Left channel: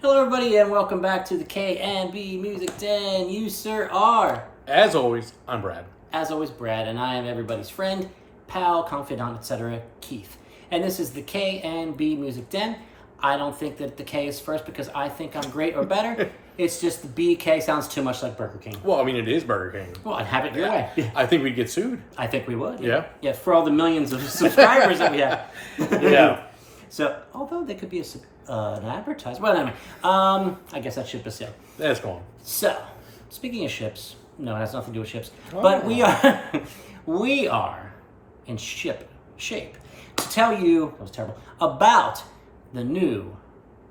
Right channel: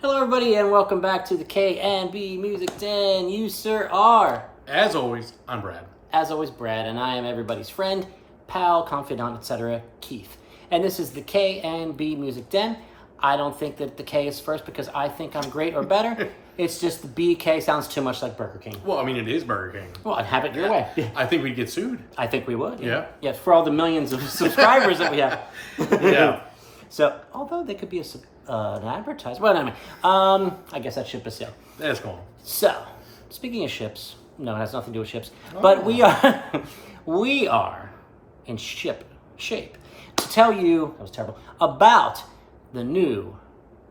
Hello, everybody, and welcome back to the K&B Music Den. You, sir, are... As always, I'm Brad. As always, Brad, and I am everybody's friend, pal, confidant, etc., Keith. And this is the K&B Music Den. I don't think that the K is first because I think I'm great or better. It's just the BK sounds too much like Burger King. Well, I mean, it is Burger King. Well, I'd have it your way. I think we'd get sued. I think we would. Yeah. Yeah, for all the millions of subscribers that we have. Yeah. So, although they could be an advertisement. Well, anyway, I guess that ship is sailed. That's gone. So, speaking of ships, no, it has nothing to do with ships, but we are in shape to tell you, that was terrible, about the new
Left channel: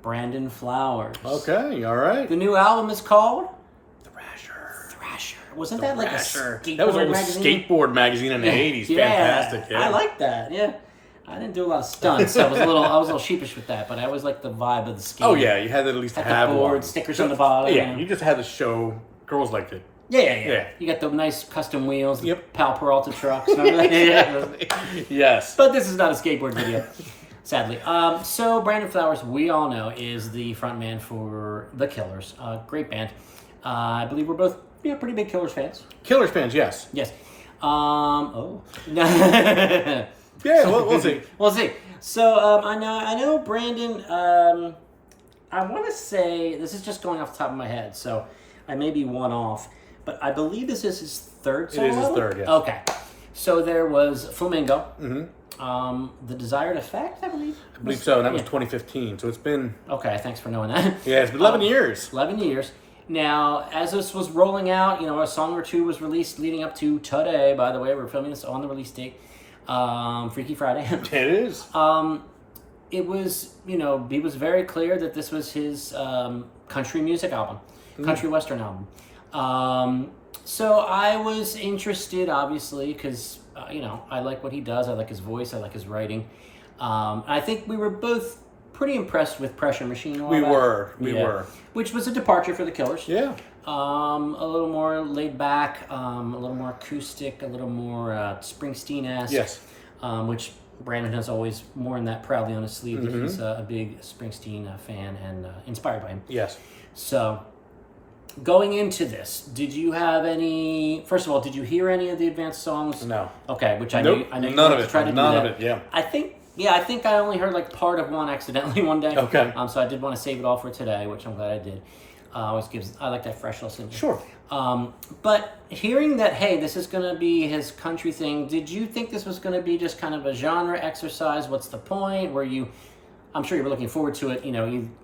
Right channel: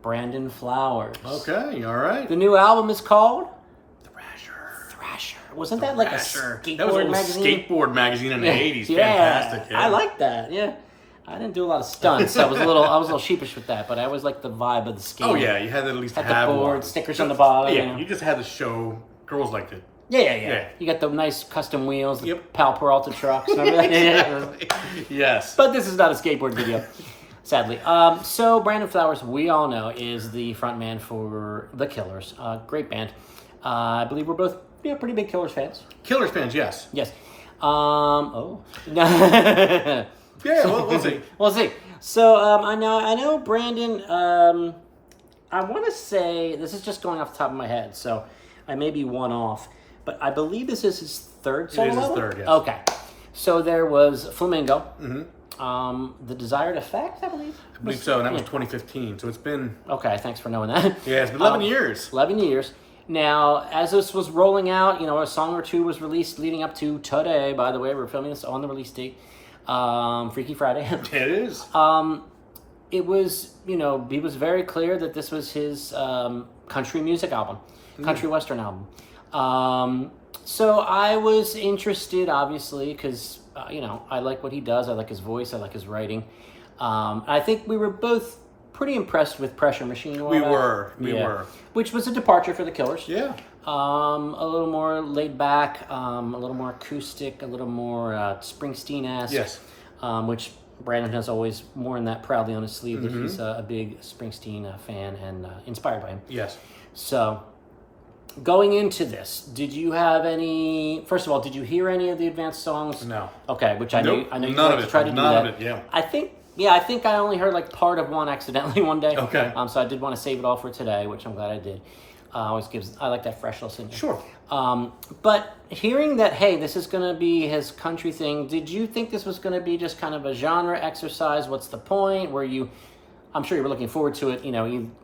Brandon Flowers. Okay, all right. The new album is called Thrasher. Wasn't that like a Thrasher. skateboard That was a magazine? skateboard magazine in the 80s. Yeah, Fantastic. Yeah. I like that. Yeah. I didn't do a lot of stunts. I was a little sheepish with that, but I always liked the vibe of the skate. Oh, yeah, you had to at least Had have the board, one. stickers on the bottom. Yeah, you just had to show girls liked it. Yeah. You got the nice custom wheels, the Yep. Pal Peralta trucks. Remember that? Yes. But this is not a skateboard video, sadly. So Brandon Flowers, we all know, is the frontman for The Killers. Great band. I believe we're both pretty big Killers fans. Killers fans, yes. Yes. Yeah, we'll see. We'll see. So I know Brandon. I want to say this is just going off the top of my head, so I may be one off, but I believe this is his third solo. It is his album? third, yeah. Okay. So there was Flamingo. Mm-hmm. The Desired Effect, I believe. I believe so, and that was 2015, so it's been... Okay, thanks for knowing that. Yeah, it's been 11 years. 11 years. Now, as this was rolling out, a song or two was released leading up to today. By the way, we're filming this on the release date. Freaky Friday. It is. It was, he was very clear that this was his country music album, country western album. So I was interested, obviously, because, I like what he does. I like his voice. I like his writing. I think we were both pretty impressed with Pressure Machine. We were. Which was a departure for the Killers. Yeah. A little more laid back, a little more acoustic, a little more Springsteen-esque. Yes. Which Brandon has always worn that proudly on his sleeve. That he's a big Springsteen fan and inspired by him. Yes. So, going into this, did you have any? First of all, did you hear any of the advanced songs? No. Okay, which I Nope. know. I know None you of it. tried to do None that. of it. Yeah. I think I only heard like part of one accidentally one day. Okay. So I did want to save it all for today, which I'm glad I did. I like that fresh listening. Sure. But hearing that, hey, this is going to be his country thing, did you think this was going to be just kind of a genre exercise? What's the point? I'm sure you were looking forward to it,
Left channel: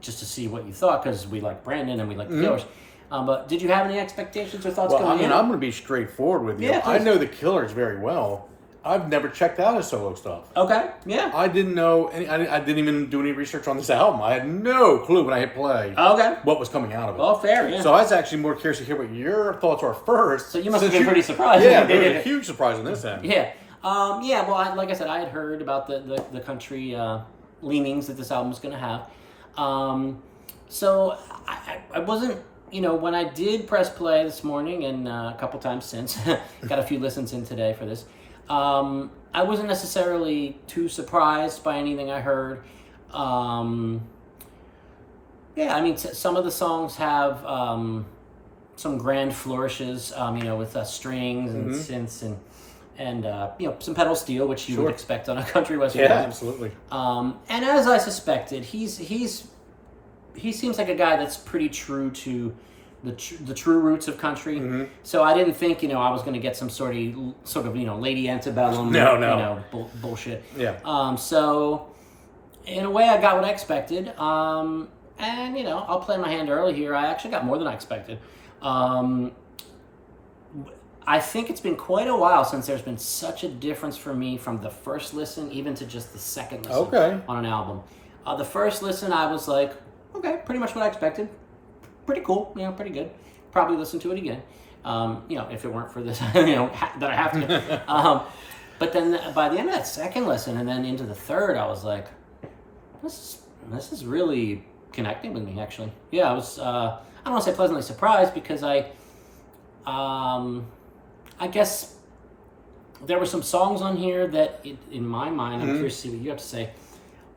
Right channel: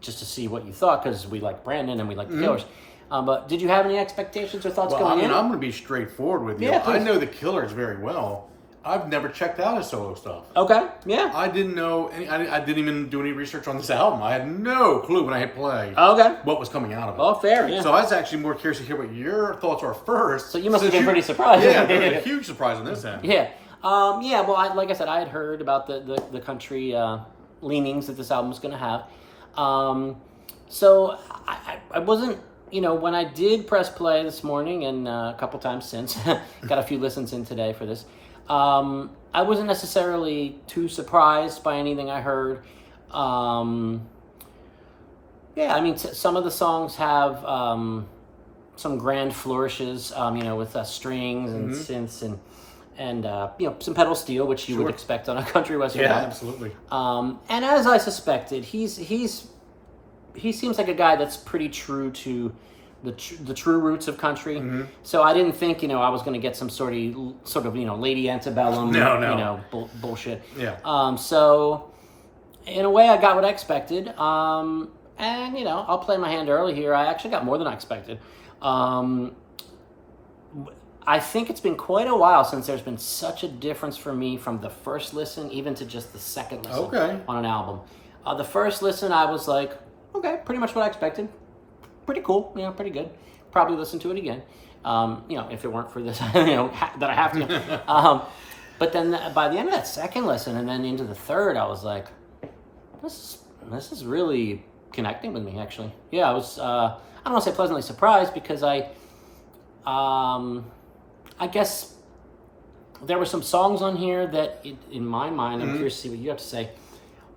just to see what you thought, because we like Brandon and we like the Killers. But did you have any expectations or thoughts going in? I'm going to be straightforward with you. Yeah, I please. know the Killers very well. I've never checked out his solo stuff. Okay, yeah. I didn't know I didn't even do any research on this album. I had no clue when I hit play Okay. what was coming out of it. Oh, fair, yeah. So I was actually more curious to hear what your thoughts are first. So you must have been pretty surprised. Yeah, there was a huge surprise on this end. Yeah. Well, like I said, I had heard about the country leanings that this album was going to have. So I wasn't, when I did press play this morning and a couple times since, got a few listens in today for this, I wasn't necessarily too surprised by anything I heard. Some of the songs have some grand flourishes, with strings and synths and some pedal steel, which you would expect on a country western. Yeah, band. absolutely. And as I suspected, he seems like a guy that's pretty true to the true roots of country. So I didn't think I was going to get some sort of Lady Antebellum bullshit. Yeah. So in a way, I got what I expected. And I'll play my hand early here. I actually got more than I expected. I think it's been quite a while since there's been such a difference for me from the first listen even to just the second listen on an album. The first listen, I was like, okay, pretty much what I expected. Pretty cool, pretty good. Probably listen to it again, if it weren't for this, that I have to. But then by the end of that second listen and then into the third, I was like, this is really connecting with me, actually. Yeah, I was, I don't want to say pleasantly surprised because I guess there were some songs on here that, in my mind, I'm curious to see what you have to say,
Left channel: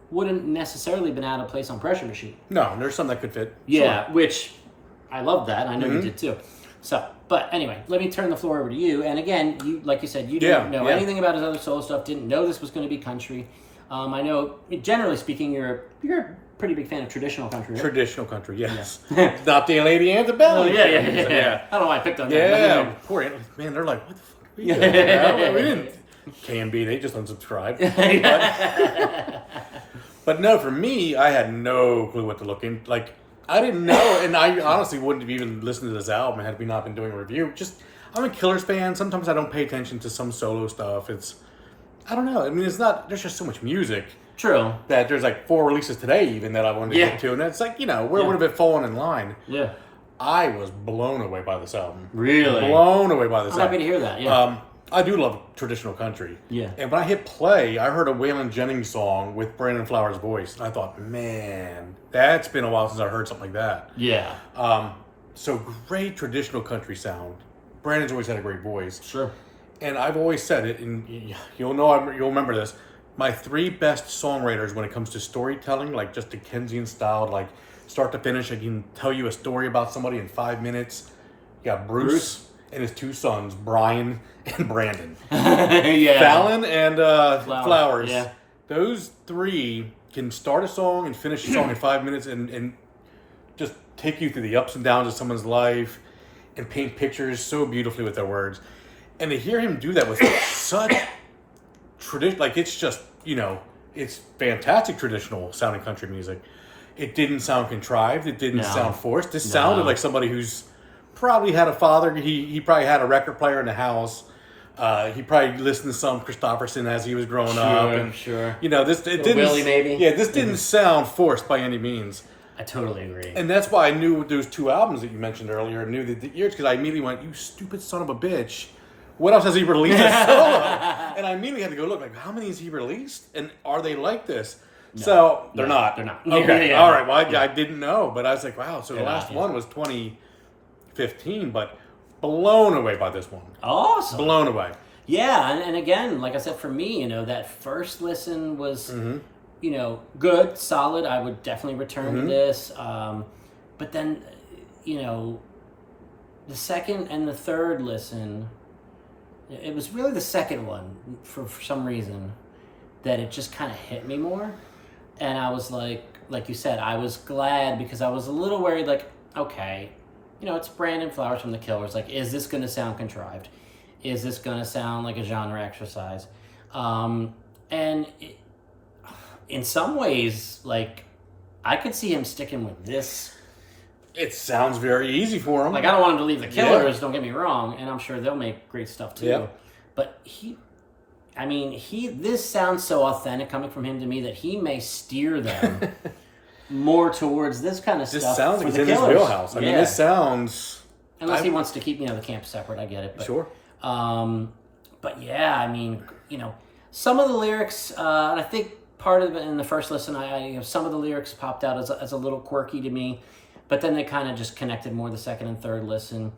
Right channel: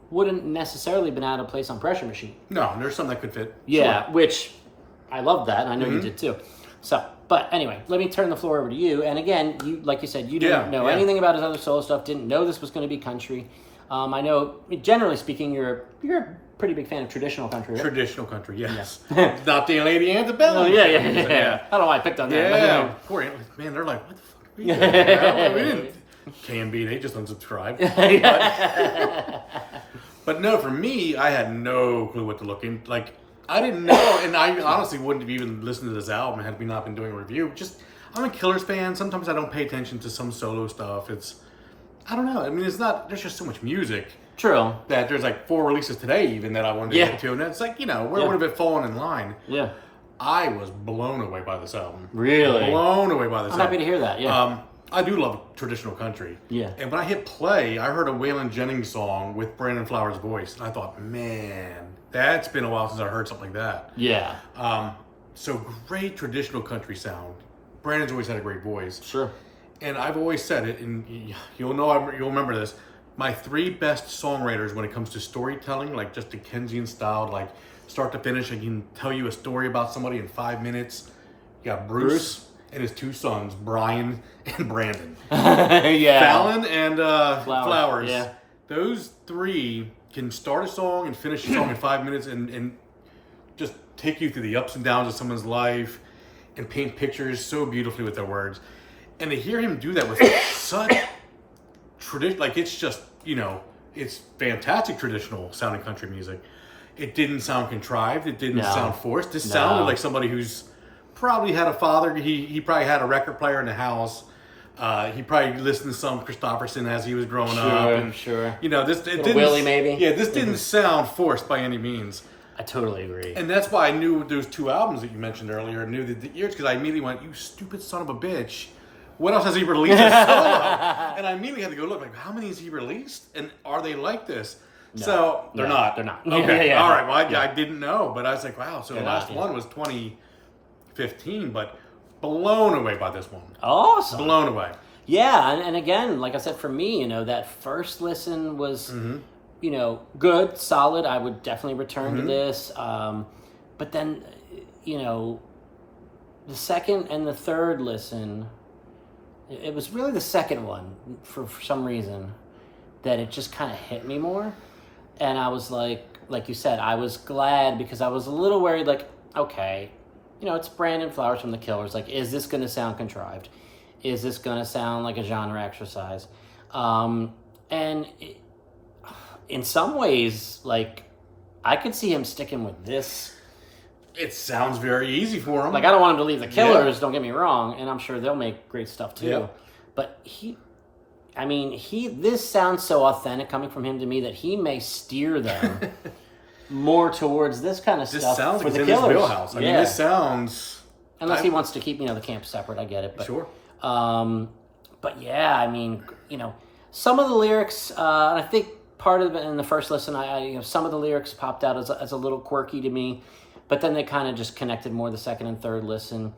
wouldn't necessarily been out of place on Pressure Machine. No, there's some that could fit. Yeah, Sure. which I love that, and I know you did too. So, but anyway, let me turn the floor over to you. And again, you, like you said, you didn't know anything about his other solo stuff. Didn't know this was going to be country. I know, generally speaking, you're a pretty big fan of traditional country. Right? Traditional country, yes. Not the Lady Antebellum. Yeah. I don't know why I picked on that. Yeah, poor man. They're like, what the fuck are we doing? Well, we didn't. Can be. They just unsubscribed. But no, for me, I had no clue what to look in. Like, I didn't know, and I honestly wouldn't have even listened to this album had we not been doing a review. Just, I'm a Killers fan. Sometimes I don't pay attention to some solo stuff. I don't know. I mean, there's just so much music. True. That there's like 4 releases today even that I wanted to get to. And it's like, where would have it fallen in line? Yeah. I was blown away by this album. Really? Blown away by this album. I'm happy to hear that, yeah. I do love traditional country. Yeah. And when I hit play, I heard a Waylon Jennings song with Brandon Flowers' voice. And I thought, man, that's been a while since I heard something like that. Yeah. So great traditional country sound. Brandon's always had a great voice. Sure. And I've always said it, and you'll remember this. My 3 best songwriters when it comes to storytelling, like just Dickensian style, like start to finish, I can tell you a story about somebody in 5 minutes. You got Bruce and his 2 sons, Brian and Brandon. Fallon and Flowers. Yeah. Those 3 can start a song and finish a song in 5 minutes and just take you through the ups and downs of someone's life and paint pictures so beautifully with their words. And to hear him do that with such tradition, like it's just, it's fantastic traditional sounding country music. It didn't sound contrived. It didn't sound forced. This sounded like somebody who's probably had a father. He probably had a record player in the house. He probably listened to some Christopherson as he was growing up. And, this didn't. Willie, maybe. Yeah, this didn't sound forced by any means. I totally agree. And that's why I knew those 2 albums that you mentioned earlier, knew the years, because I immediately went, you stupid son of a bitch. What else has he released as solo? And I immediately had to go look, like, how many has he released? And are they like this? No, so, they're not. They're not. Okay, all right. Well, I didn't know, but I was like, wow. So the last one was 2015, but blown away by this one. Awesome. Blown away. Yeah, and again, like I said, for me, that first listen was, good, solid. I would definitely return to this. But then, the second and the third listen, it was really the second one, for some reason, that it just kind of hit me more. And I was like you said, I was glad because I was a little worried, like, okay, it's Brandon Flowers from the Killers. Like, is this going to sound contrived? Is this going to sound like a genre exercise? In some ways, like, I could see him sticking with this. It sounds very easy for him. Like, I don't want him to leave the Killers, don't get me wrong, and I'm sure they'll make great stuff too. Yep. But this sounds so authentic coming from him to me that he may steer them more towards this kind of stuff. This sounds like it's in his wheelhouse. I mean, this sounds... Unless he wants to keep, the camp separate, I get it. But, sure. But yeah, some of the lyrics, and I think part of it in the first listen, some of the lyrics popped out as a little quirky to me, but then they kind of just connected more the second and third listen.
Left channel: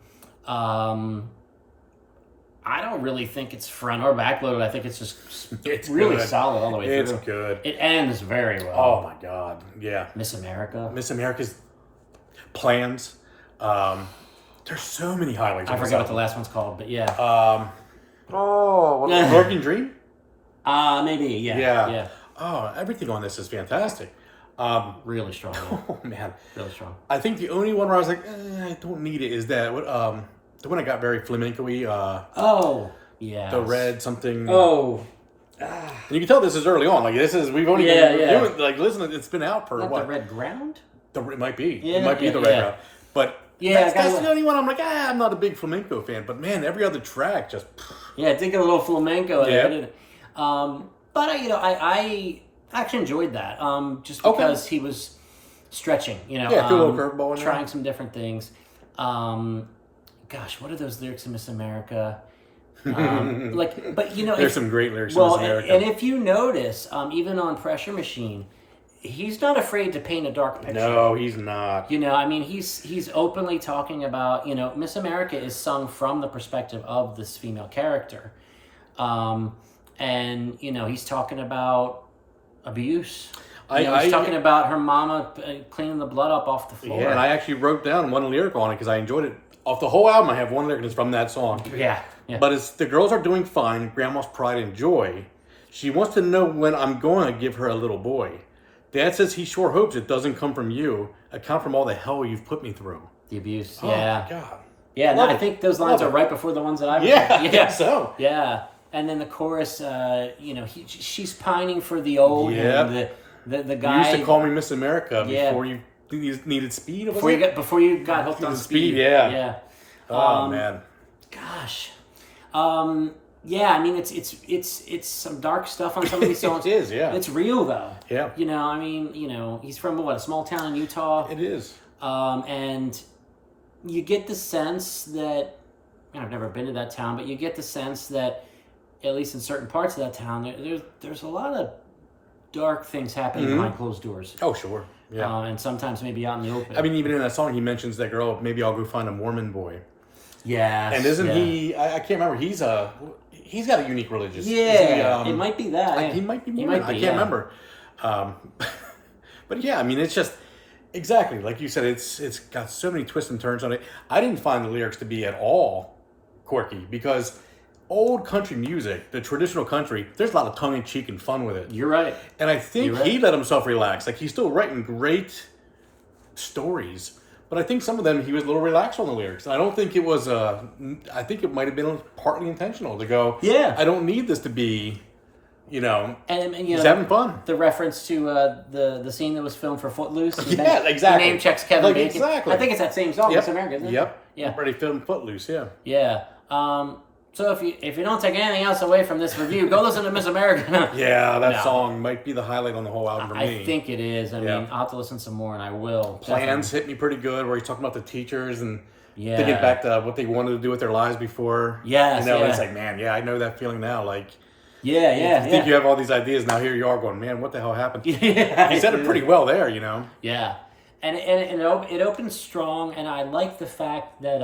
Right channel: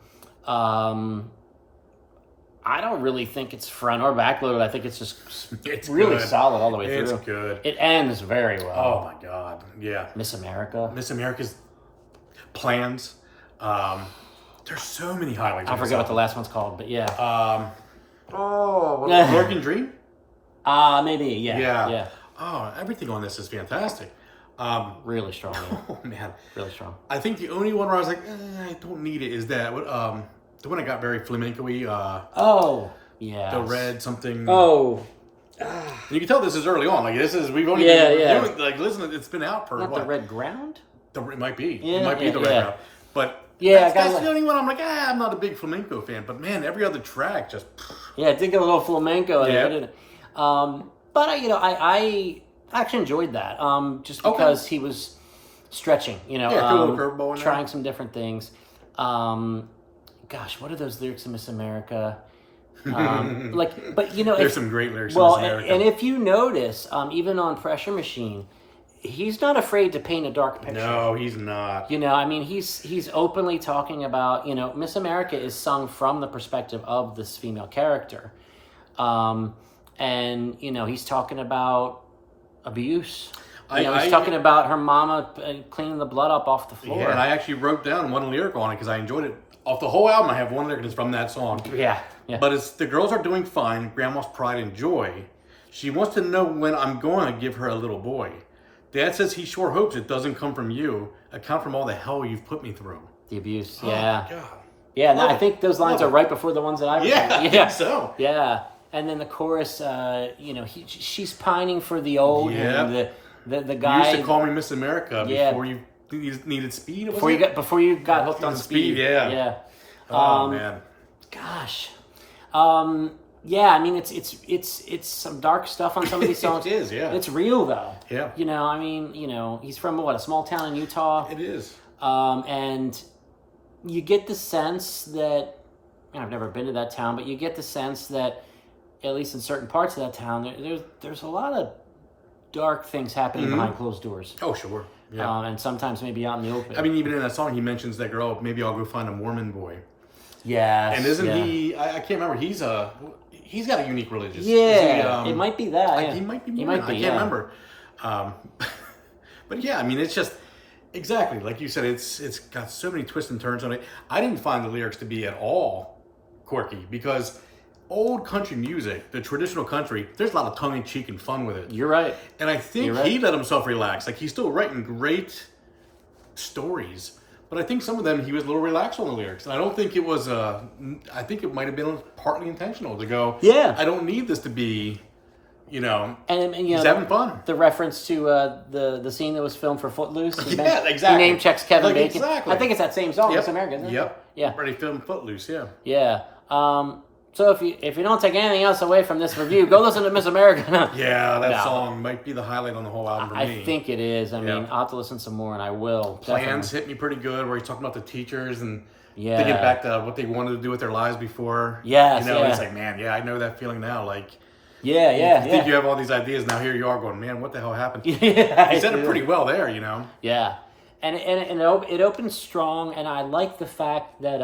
I don't really think it's front or back loaded. I think it's just really good. Solid all the way through. It's good. It ends very well. Oh my God. Yeah. Miss America. Miss America's Plans. There's so many highlights. I forgot what the last one's called, but yeah. American Dream? Maybe, yeah. Oh, everything on this is fantastic. Really strong. Oh, man. Really strong. I think the only one where I was like, I don't need it is that, the one that got very flamenco-y. Yeah. The red something. Oh. And you can tell this is early on. Like, we've only been reviewing, like, listen, it's been out for Not what? The Red Ground? It might be. It might be the Red Ground. But that's the only one I'm like, I'm not a big flamenco fan. But man, every other track just... Yeah, it did get a little flamenco. Yeah. But, I actually enjoyed that. Just because he was stretching, cool little curveball in there. Trying some different things. Gosh, what are those lyrics in Miss America? There's some great lyrics in Miss America. And if you notice, even on Pressure Machine, he's not afraid to paint a dark picture. No, he's not. He's openly talking about, Miss America is sung from the perspective of this female character. And, he's talking about abuse. He's talking about her mama cleaning the blood up off the floor. Yeah, and I actually wrote down one lyric on it because I enjoyed it. Off the whole album, I have one lyric that's from that song. Yeah. But it's, the girls are doing fine, grandma's pride and joy. She wants to know when I'm going to give her a little boy. Dad says he sure hopes it doesn't come from you. Account from all the hell you've put me through. The abuse, Oh, my God. Yeah, no, I think those lines are right before the ones that I I think so. Yeah, and then the chorus, she's pining for the old and the guy. You used to call me Miss America before you needed speed. Before you got hooked on speed. Yeah. Oh man. Gosh. Yeah, I mean it's some dark stuff on some of these songs. It is, yeah. It's real though. Yeah. He's from a small town in Utah. It is. And you get the sense that I've never been to that town, but you get the sense that at least in certain parts of that town, there's a lot of dark things happening behind closed doors. Oh, sure. Yeah. And sometimes maybe out in the open. I mean, even in that song, he mentions that girl. Maybe I'll go find a Mormon boy. Yes. And isn't he? I can't remember. He's got a unique religious. Yeah. It might be that. He might be Mormon. I can't remember. But yeah, I mean, it's just exactly like you said. It's got so many twists and turns on it. I didn't find the lyrics to be at all quirky because old country music, the traditional country, there's a lot of tongue in cheek and fun with it. You're right. And I think he let himself relax. Like he's still writing great stories. But I think some of them he was a little relaxed on the lyrics, and I don't think it was. I think it might have been partly intentional to go. Yeah, I don't need this to be, and he's having fun. The reference to the scene that was filmed for Footloose. Yeah, exactly. The name checks Kevin Bacon. Exactly. I think it's that same song. Miss America, isn't it? Yep. Yeah. Already filmed Footloose. Yeah. Yeah. So if you don't take anything else away from this review, go listen to Miss America. Yeah, that song might be the highlight on the whole album for me. I think it is. I mean, I'll have to listen some more, and I will. Plans hit me pretty good, where he's talking about the teachers and thinking back to what they wanted to do with their lives before. Yes, it's like, man, I know that feeling now. Like, you think you have all these ideas, now here you are going, man, what the hell happened? He said it pretty well there, Yeah, and it opens strong, and I like the fact that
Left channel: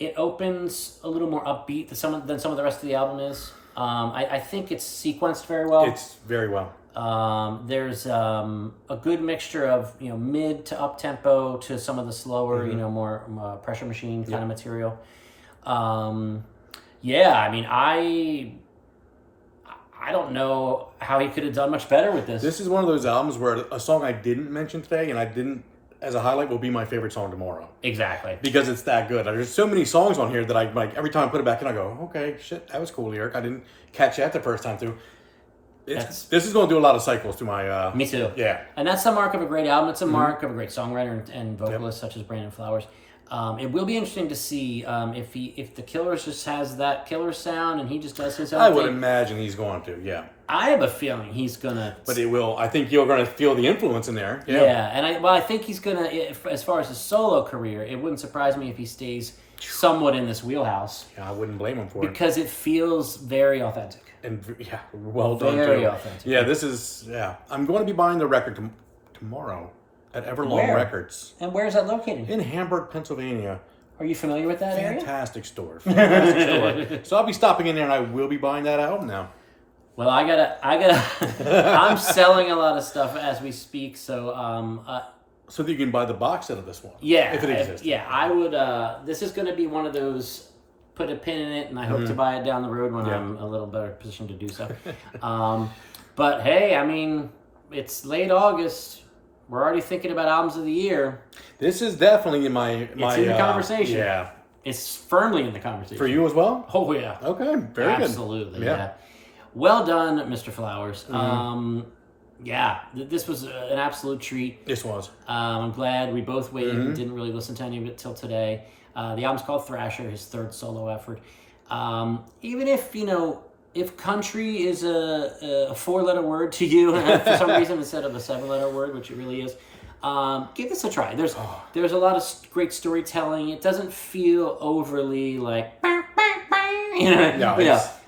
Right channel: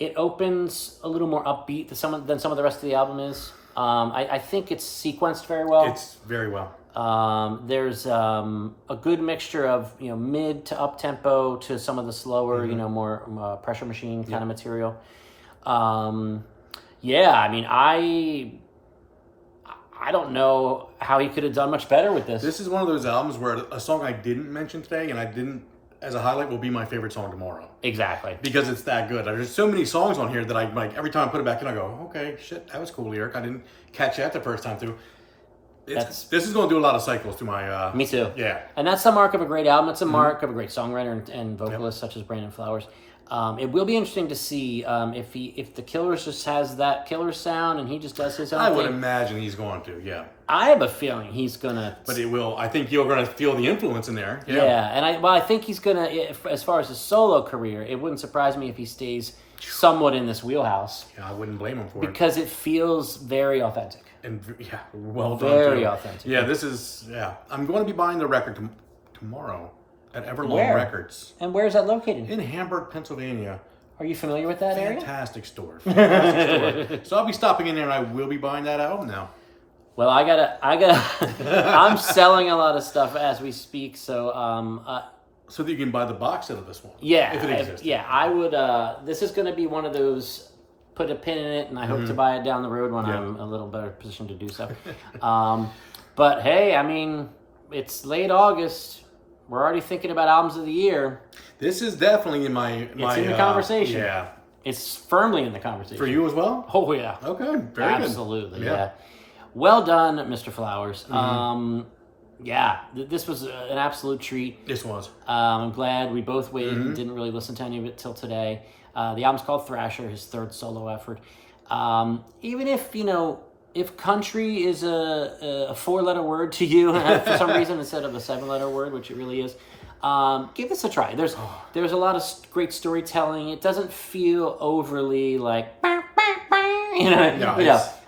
it opens a little more upbeat than some of the rest of the album is. I think it's sequenced very well. It's very well. There's a good mixture of mid to up tempo to some of the slower, more pressure machine kind of material. I mean, I don't know how he could have done much better with this. This is one of those albums where a song I didn't mention today, and I didn't, as a highlight, will be my favorite song tomorrow. Exactly. Because it's that good. There's so many songs on here that I like. Every time I put it back in, I go, okay, shit, that was cool lyric. I didn't catch that the first time through. This is going to do a lot of cycles to my... Me too. Yeah. And that's the mark of a great album. It's a mark of a great songwriter and vocalist such as Brandon Flowers. It will be interesting to see if the Killers just has that killer sound and he just does his own thing. I would imagine he's going to, yeah. I have a feeling he's going to... But it will... I think you're going to feel the influence in there. Yeah, and I think he's going to... As far as his solo career, it wouldn't surprise me if he stays somewhat in this wheelhouse. Yeah, I wouldn't blame him for it. Because it feels very authentic. And well done, very authentic. Yeah, this is... Yeah. I'm going to be buying the record tomorrow at Everlong Records. And where is that located? In Hamburg, Pennsylvania. Are you familiar with that Fantastic store. Fantastic store. So I'll be stopping in there, and I will be buying that album now. Well, I gotta. I'm selling a lot of stuff as we speak, so so that you can buy the box set of this one. Yeah, if it exists. I would. This is going to be one of those. Put a pin in it, and I hope to buy it down the road when I'm a little better positioned to do so. But hey, I mean, it's late August. We're already thinking about albums of the year. This is definitely in my it's in the conversation. Yeah, it's firmly in the conversation. For you as well? Oh yeah. Okay, very good. Absolutely. Yeah. Well done, Mr. Flowers. This was an absolute treat. This was. I'm glad we both waited and didn't really listen to any of it till today. The album's called Thrasher, his third solo effort. Even if country is a 4-letter word to you for some reason instead of a 7-letter word, which it really is, give this a try. There's a lot of great storytelling. It doesn't feel overly like...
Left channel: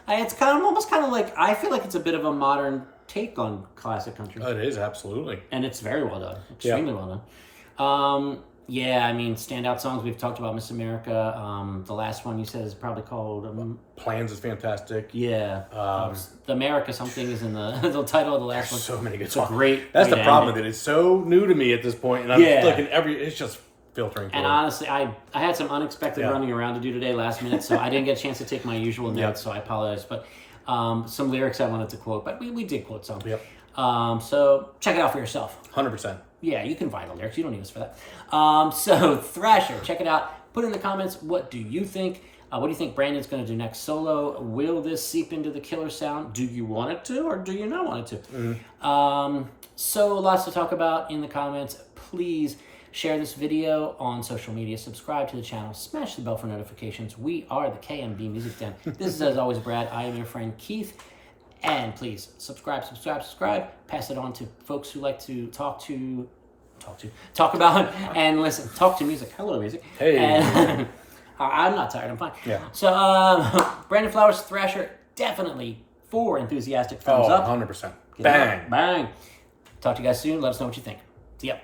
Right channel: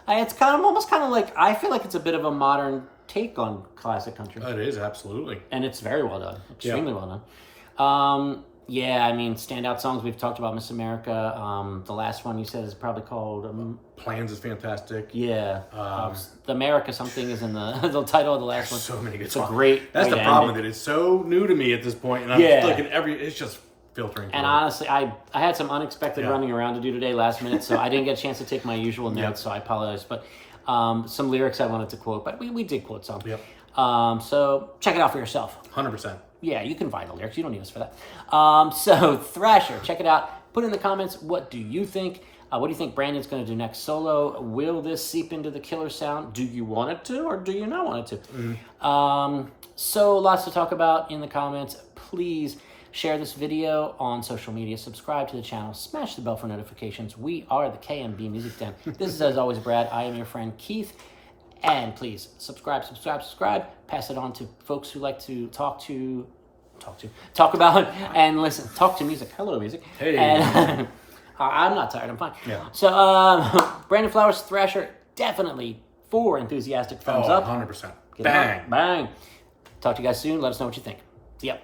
It's almost kind of like, I feel like it's a bit of a modern take on classic country. It is, absolutely. And it's very well done. Extremely well done. Yeah, I mean, standout songs we've talked about Miss America. The last one you said is probably called Plans is fantastic. Yeah, the America something is in the the title of the last one. So many good songs. That's the problem with it. It's so new to me at this point, and I'm like it's just filtering through. And honestly, I had some unexpected running around to do today last minute, so I didn't get a chance to take my usual notes, so I apologize. But some lyrics I wanted to quote, but we did quote some. Yep. So check it out for yourself. 100%. Yeah, you can find the lyrics. You don't need us for that. So Thrasher, check it out. Put in the comments, what do you think? What do you think Brandon's going to do next solo? Will this seep into the killer sound? Do you want it to, or do you not want it to? So lots to talk about in the comments. Please share this video on social media. Subscribe to the channel. Smash the bell for notifications. We are the KMB Music Den. This is, as always, Brad. I am your friend Keith. And please subscribe. Pass it on to folks who like to talk about and listen. Talk to music. Hello, music. Hey. And I'm not tired. I'm fine. Yeah. So, Brandon Flowers, Thrasher, definitely 4 enthusiastic thumbs up. 100%. Bang. Bang. Talk to you guys soon. Let us know what you think. See ya.